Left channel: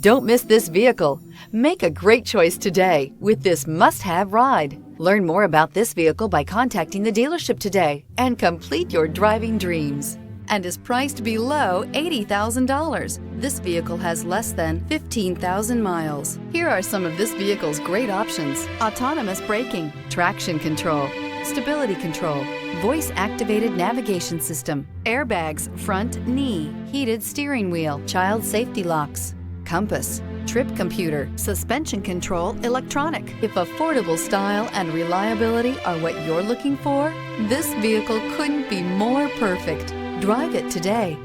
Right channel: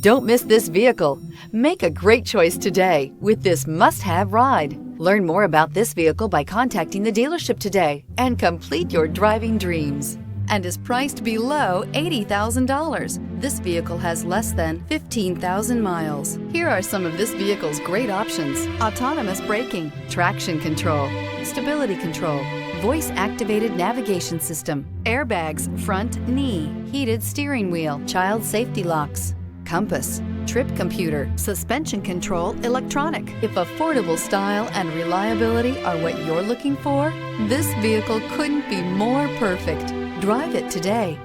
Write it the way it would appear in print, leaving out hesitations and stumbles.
Don't miss this vehicle. Make a great choice today with this must-have ride. Learn more about this vehicle by contacting the dealership today and complete your driving dreams. And is priced below $80,000. This vehicle has less than 15,000 miles. Here are some of this vehicle's great options: autonomous braking, traction control, stability control, voice-activated navigation system, airbags, front knee, heated steering wheel, child safety locks, compass, trip computer, suspension control, electronic. If affordable style and reliability are what you're looking for, this vehicle couldn't be more perfect. Drive it today.